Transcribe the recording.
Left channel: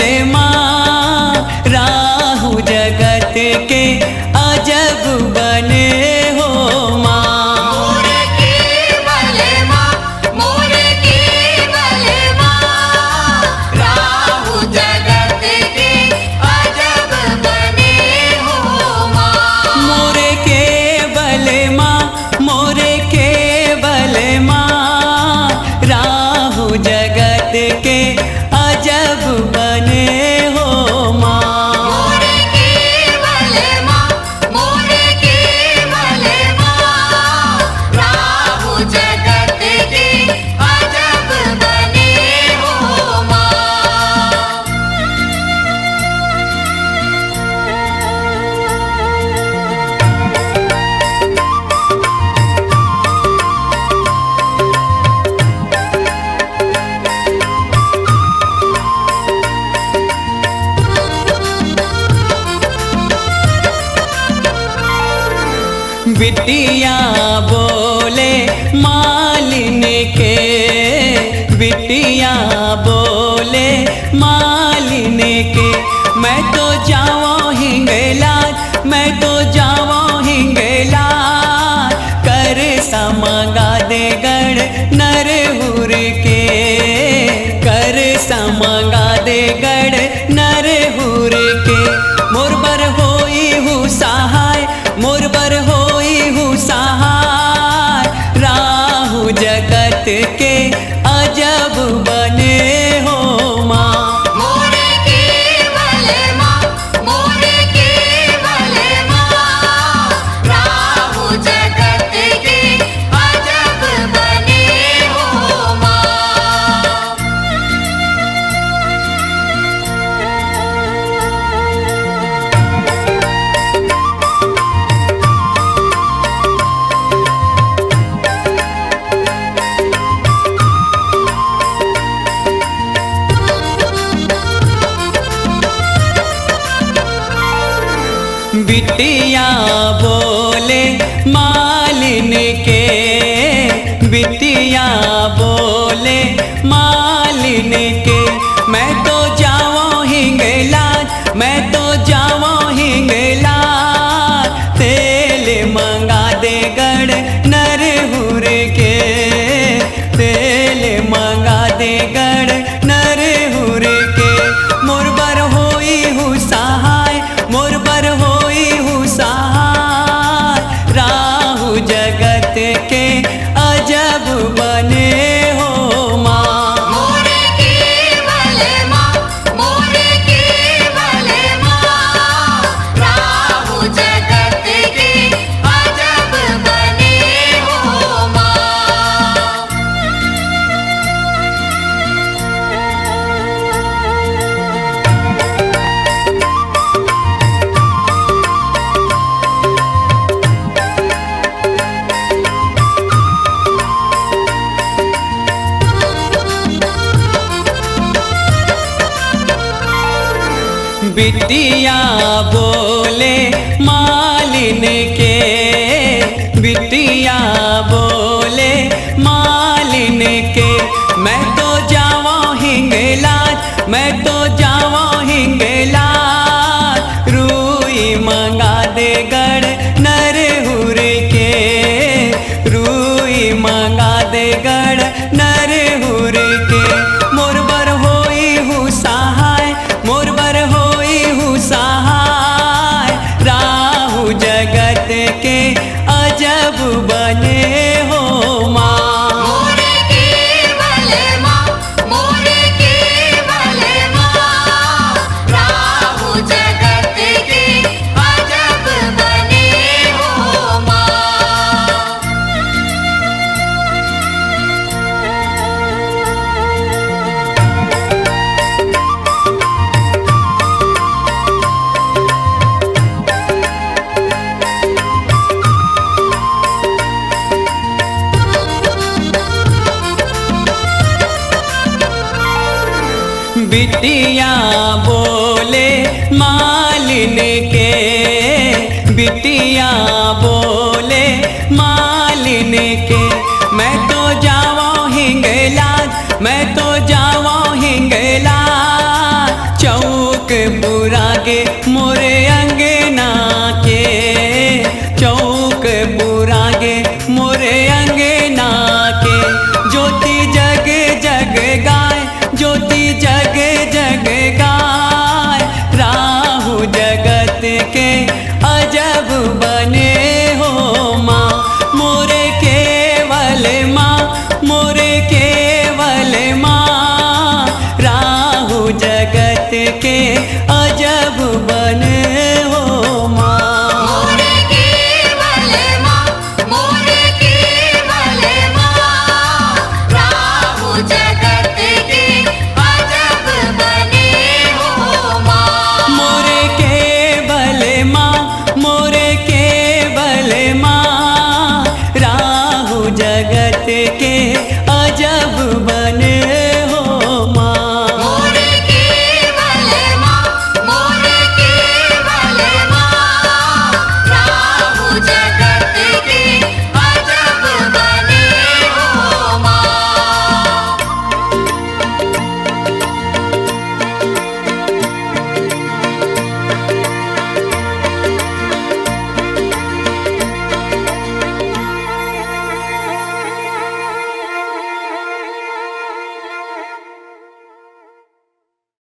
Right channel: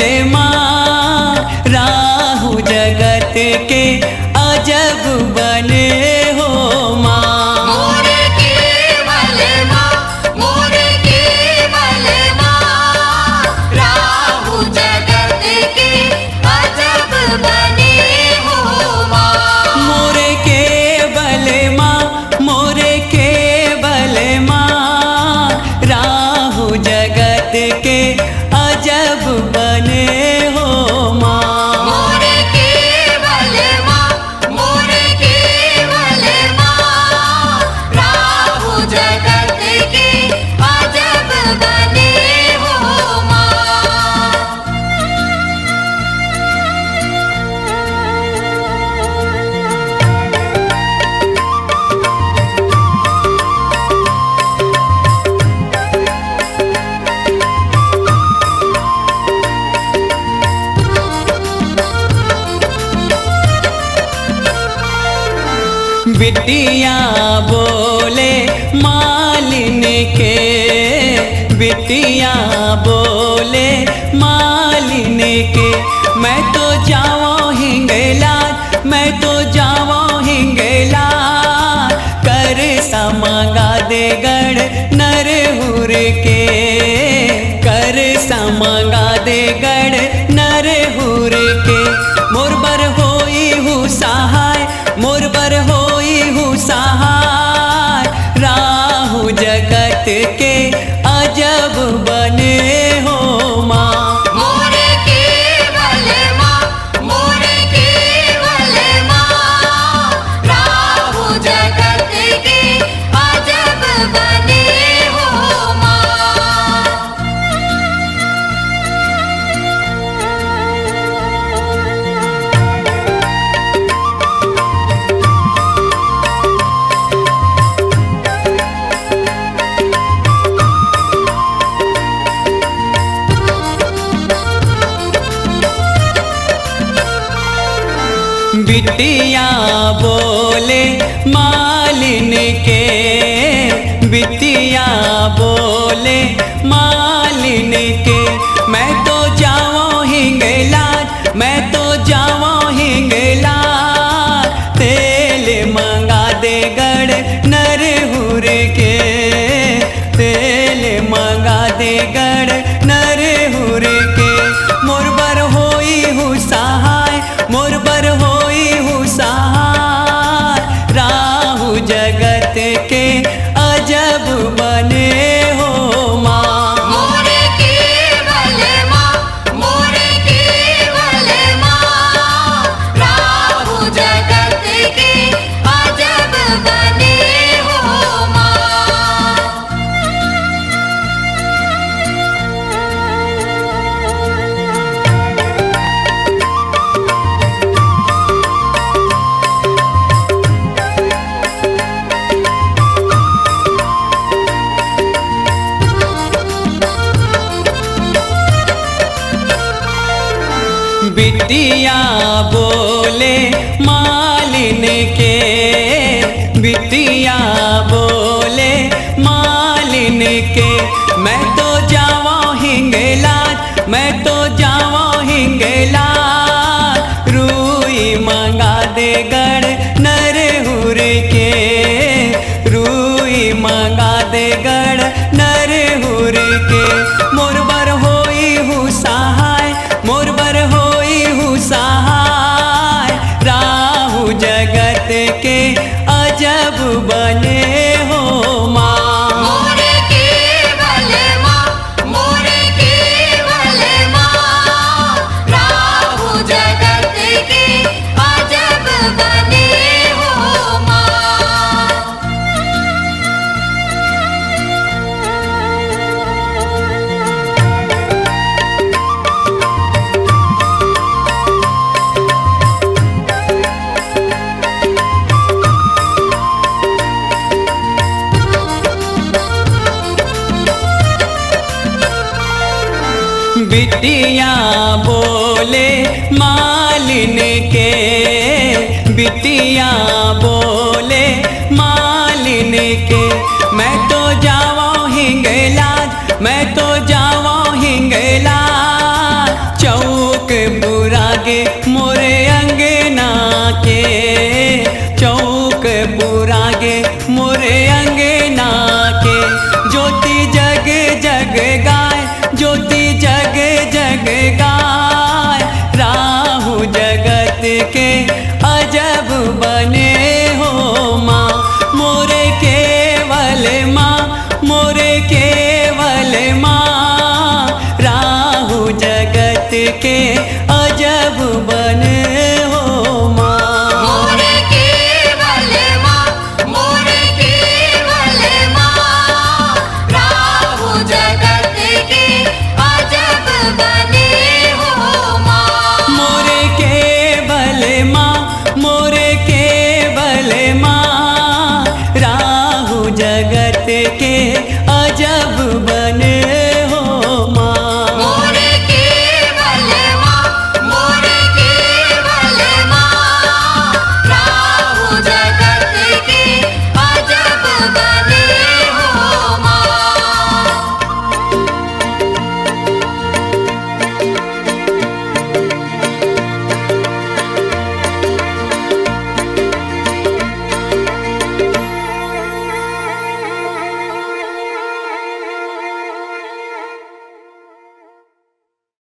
माँ राहु जगत के अजब बने हो माँ। मोरे केवल माँ, मोरे केवल माँ, राहु जगत के अजब बने हो माँ। मोरे केवल माँ, मोरे केवल माँ राहु जगत के अजब बने हो माँ। मोरे केवल माँ, मोरे केवल माँ, राहु जगत के अजब बने हो माँ। बिटिया बोले मालिन के, बिटिया बोले मालिन के, मैं तो जाऊँ हिंगलाज, मैं तो जाऊँ हिंगलाज, कर समगा दे गढ़ नरहुर के, कर समगा दे गढ़ नरहुर के। मोरबर होई हूँ सहाय, मोरबर होई हूँ सहाय, राहु जगत के अजब बने हो माँ। मोरे केवल माँ, मोरे केवल माँ, राहु जगत के अजब बने हो माँ। बिटिया बोले मालिन के, बिटिया बोले मालिन के, मैं तो जाऊँ हिंगलाज, मैं तो जाऊँ हिंगलाज, तेल मंगा दे गढ़ नरहुर के, तेल मंगा दे गढ़ नरहुर के। मोरबर होई हूँ सहाय, मोरबर होई हूँ सहाय, राहु जगत के अजब बने हो माँ। मोरे केवल माँ, मोरे केवल माँ, राहु जगत के अजब बने हो माँ। बिटिया बोले मालिन के, बिटिया बोले मालिन के, मैं तो जाऊँ हिंगलाज, मैं तो जाऊँ हिंगलाज, रूई मंगा दे गढ़ नरहुर के, रूई मंगा दे गढ़ नरहुर के। मोरबर होई हूँ सहाय, मोरबर होई हूँ सहाय, राहु जगत के अजब बने हो माँ। मोरे केवल माँ, मोरे केवल माँ, राहु जगत के अजब बने हो माँ। बिटिया बोले मालिन के, बिटिया बोले मालिन के, मैं तो जाऊँ हिंगलाज, मैं तो जाऊँ हिंगलाज, चौक बुरागे मोरे अंगना के, चौक बुरागे मोरे अंगना के। ज्योति जग जग गाय, ज्योति जग जग गाय। राहु जगत के अजब बने हो माँ, मोरे केवल माँ, मोरे केवल माँ। राहु जगत के अजब बने हो माँ। मोरे केवल माँ, मोरे केवल माँ। राहु जगत के अजब बने हो माँ। मोरे केवल माँ, मोरे केवल माँ। राहु जगत के अजब बने